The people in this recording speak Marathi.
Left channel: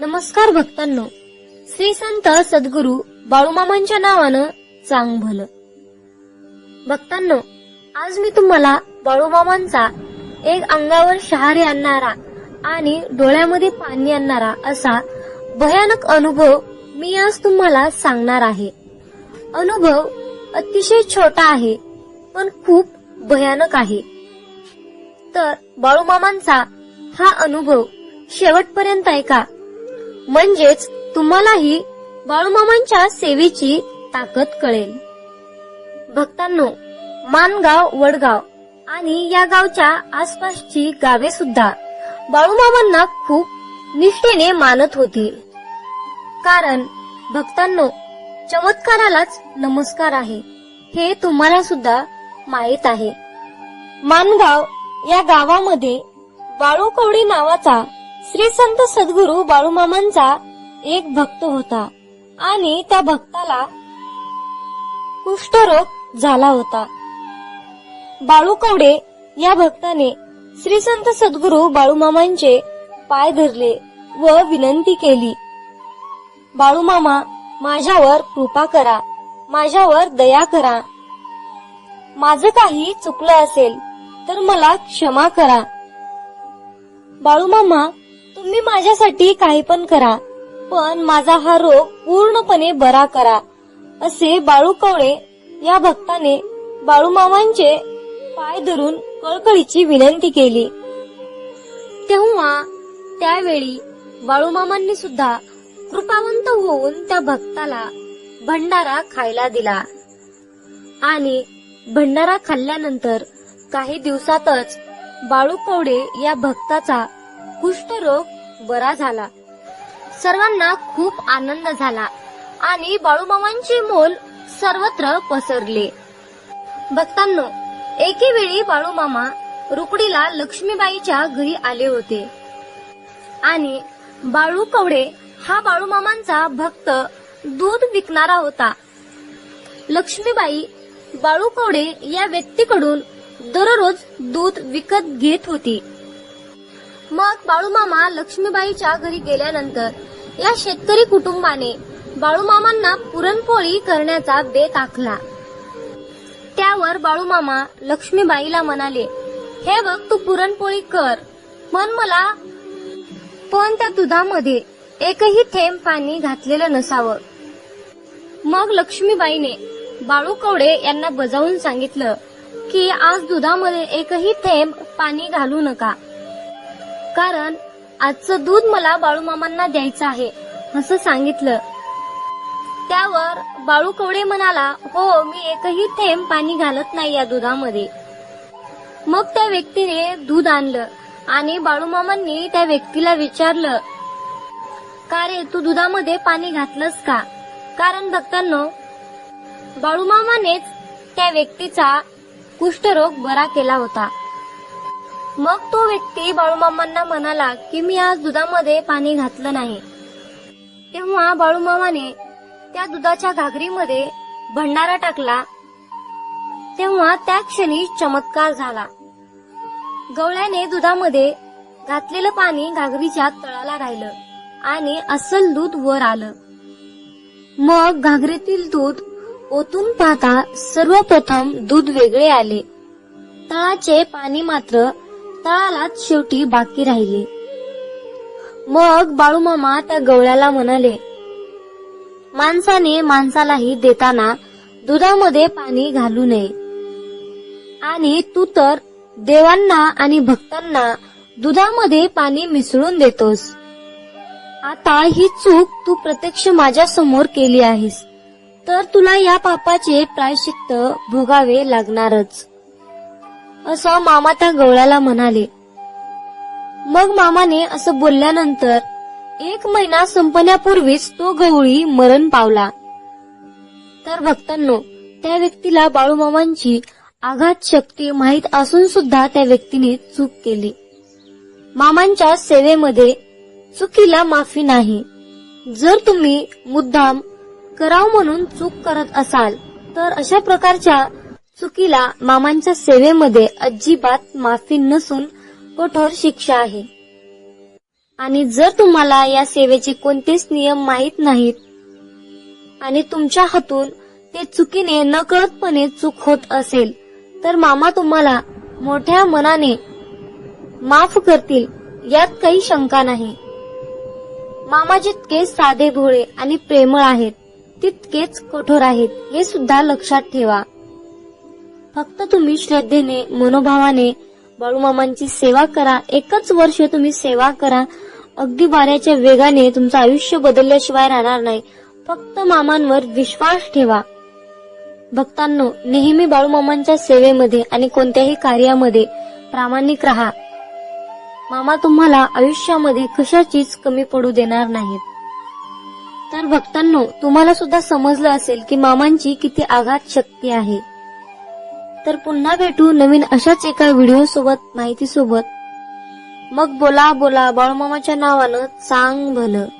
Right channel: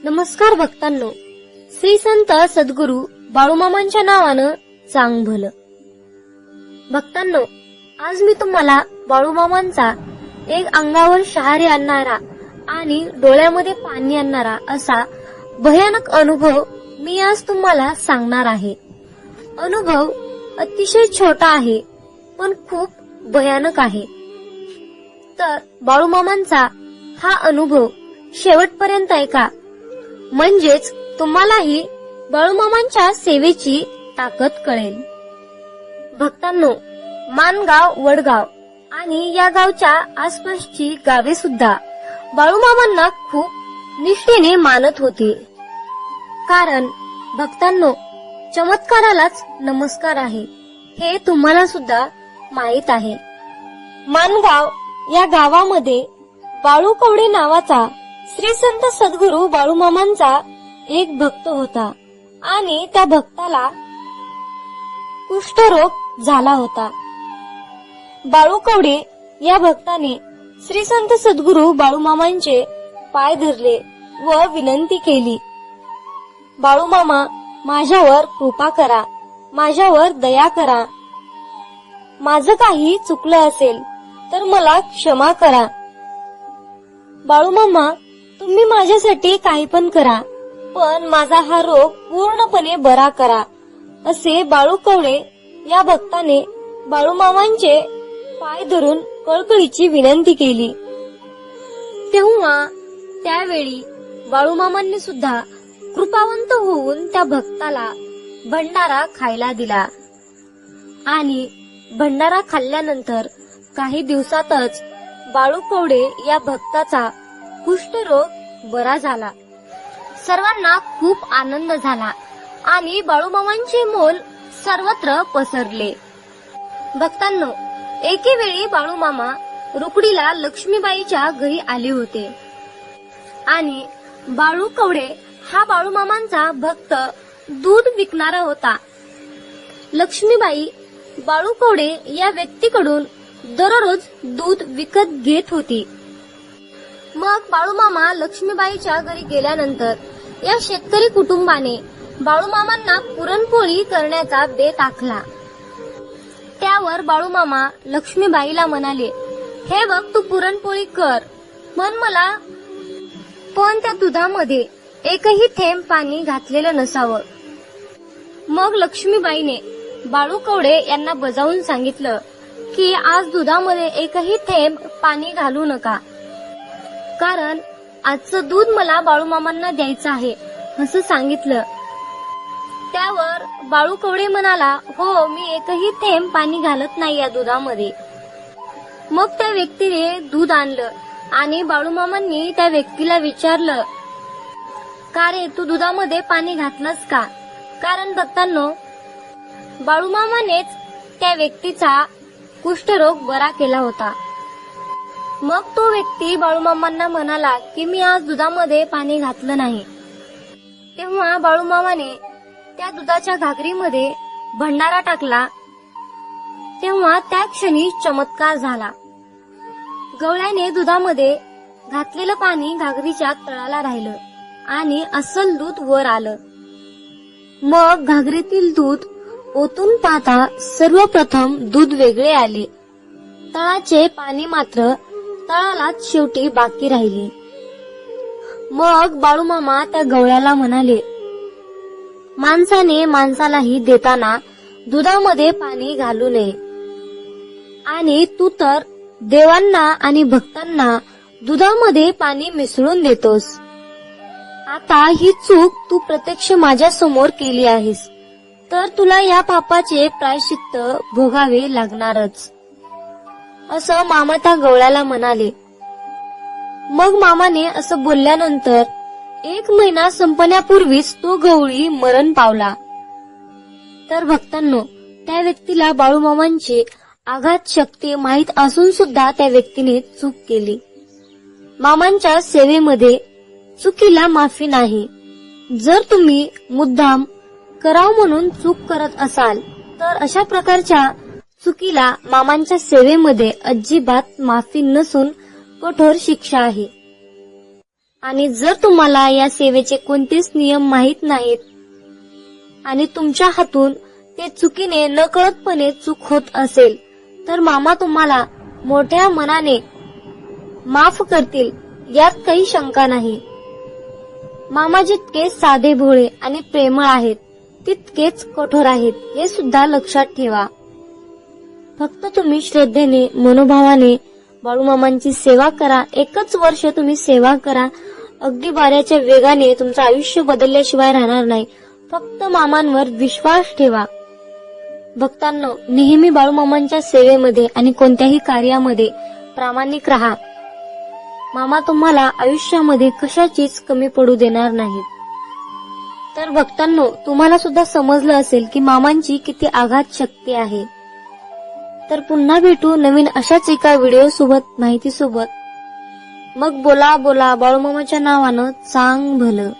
नमस्कार भक्तांनो. श्री संत सद्गुरू बाळूमामांच्या नावानं चांग भलं भक्तांनो आज मी तुम्हाला बाळूमामांचा एक अंगावर शहारे आणणारा आणि डोळ्यामध्ये पाणी आणणारा असा भयानक अनुभव मी आज तुम्हाला सांगणार आहे. अनुभव अतिशय छोटा आहे पण खूप भयानक आहे. तर बाळूमामांचा हा अनुभव शेवटपर्यंत ऐका. म्हणजेच तुम्हालाही बाळूमामांच्या सेवेची ताकद कळेल. भक्तांनो मानगाव वडगाव आणि या गावच्या आसपासची गावे सुद्धा बाळूमामांना खूप निष्ठेने मानत होती. कारण भक्तांनो चमत्कारालाच नमस्कार आहे हे तुम्हाला सुद्धा माहीत आहे. मानगाव या गावामध्ये बाळू कवडी नावाचा श्री संत सद्गुरू बाळूमामांचा एक भक्त होता आणि त्या भक्ताला कुष्ठरोग झाला होता. बाळू कवडे या भक्ताने श्री संत सद्गुरू बाळूमामांचे पाय धरले व विनंती केली बाळूमामा माझ्यावर कृपा करा माझ्यावर दया करा. माझं काही चुकलं असेल तर मला क्षमा करा. बाळूमामा तुम्ही माझ्यासाठी काही पण करा पण माझा हा रोग पूर्णपणे बरा करा. असे बाळू कवळे या भक्ताने बाळूमामांचे पाय धरून कळकळीची विनंती केली. तेव्हा त्यावेळी बाळूमामांनी सुद्धा कृपावंत होऊन त्या भक्ताला भंडारा खायला दिला. आणि भंडारा खाल्ल्यानंतर काही दिवसातच बाळू कवडे या भक्ताचा कुष्ठरोग बरा झाला. सर्वांना खूप आनंद झाला. आणि बाळूमामांचे मोल सर्वत्र पसरले. भक्तांनो एके वेळी बाळूमामा रुक्मिणीला लक्ष्मीबाईच्या घरी आले होते. आणि बाळू कवडे हा बाळूमामांचा भक्त दूध विकणारा होता. लक्ष्मीबाई बाळू कवडे या व्यक्तीकडून दररोज दूध विकत घेत होती. मग बाळूमामा लक्ष्मीबाईच्या घरी गेल्यानंतर या शेतकरी कुटुंबाने बाळूमामांना पुरणपोळी करण्याचा बेत आखला. त्यावर बाळूमामा लक्ष्मीबाईला म्हणाले हे बघ तू पुरणपोळी कर. मन मला पण त्या दुधामध्ये एकही थेंब पाणी घातलेलं नसावं. मग लक्ष्मीबाईने बाळू कवडे यांना बजावून सांगितलं की आज दुधामध्ये एकही थेंब पाणी घालू नका. कारण आजचं दूध मला बाळूमामांना द्यायचं आहे असं सांगितलं. त्यावर बाळू कोडे म्हणाला हो मी एकही थेंब पाणी घालत नाही या दुधामध्ये. मग त्या व्यक्तीने दूध आणलं आणि बाळूमामांनी त्या व्यक्तीला विचारलं का रे तू दुधामध्ये पाणी घातलंस का? कारण भक्तांनो बाळूमामानेच त्या व्यक्तीचा कुष्ठरोग बरा केला होता. मग तो व्यक्ती बाळूमामांना म्हणाला की मी आज दुधामध्ये पाणी घातलं नाही. तेव्हा बाळूमामाने त्या दुधाच्या घागरीमध्ये भंडारा टाकला. तेव्हा त्या क्षणी चमत्कार झाला. गवळ्याने दुधामध्ये घातलेलं पाणी घागरीच्या तळाला राहिलं आणि अस्सल दूध वर आलं. मग घागरीतील दूध ओतून पाहता सर्वप्रथम दूध वेगळे आले. तळाचे पाणी मात्र तळालाच शेवटी बाकी राहिले. मग बाळूमामा त्या गवळ्याला म्हणाले माणसाने माणसालाही देताना दुधामध्ये पाणी घालू नये. आणि तू तर देवांना आणि भक्तांना दुधामध्ये पाणी मिसळून देतोस. आता ही चूक तू प्रत्यक्ष माझ्यासमोर केली आहेस. तर तुला या पापाचे प्रायश्चित्त भोगावे लागणारच. असं मामा त्या गवळ्याला म्हणाले. मग मामाने असं बोलल्यानंतर एक महिना संपण्यापूर्वीच तो गवळी मरण पावला. तर भक्तांनो त्या व्यक्तीला बाळूमामांची आघात शक्ती माहीत असून सुद्धा त्या व्यक्तीने चूक केली. मामांच्या सेवेमध्ये चुकीला माफी नाही. जर तुम्ही मुद्दाम कराव म्हणून चूक करत असाल तर अशा प्रकारच्या चुकीला मामांच्या सेवेमध्ये अजिबात माफी नसून कठोर शिक्षा आहे. आणि जर तुम्हाला या सेवेचे कोणतेच नियम माहीत नाहीत आणि तुमच्या हातून ते चुकीने नकळतपणे चूक होत असेल तर मामा तुम्हाला मोठ्या मनाने माफ करतील यात काही शंका नाही. मामा जितके साधे भोळे आणि प्रेमळ आहेत तितकेच कठोर आहेत हे सुद्धा लक्षात ठेवा. फक्त तुम्ही श्रद्धेने मनोभावाने बाळूमामांची सेवा करा. एकच वर्ष तुम्ही सेवा करा. अगदी पाण्याच्या वेगाने तुमचं आयुष्य बदलल्याशिवाय राहणार नाही. फक्त मामांवर विश्वास ठेवा. भक्तांनो नेहमी बाळूमामांच्या सेवेमध्ये आणि कोणत्याही कार्यामध्ये प्रामाणिक राहा. मामा तुम्हाला आयुष्यामध्ये कशाचीच कमी पडू देणार नाही. तर भक्तांनो तुम्हाला सुद्धा समजलं असेल की मामांची किती आघात शक्ती आहे. तर पुन्हा भेटू नवीन अशाच एका व्हिडिओ सोबत माहिती सोबत मग बोला बोला बाळूमामाच्या नावानं चांग भलं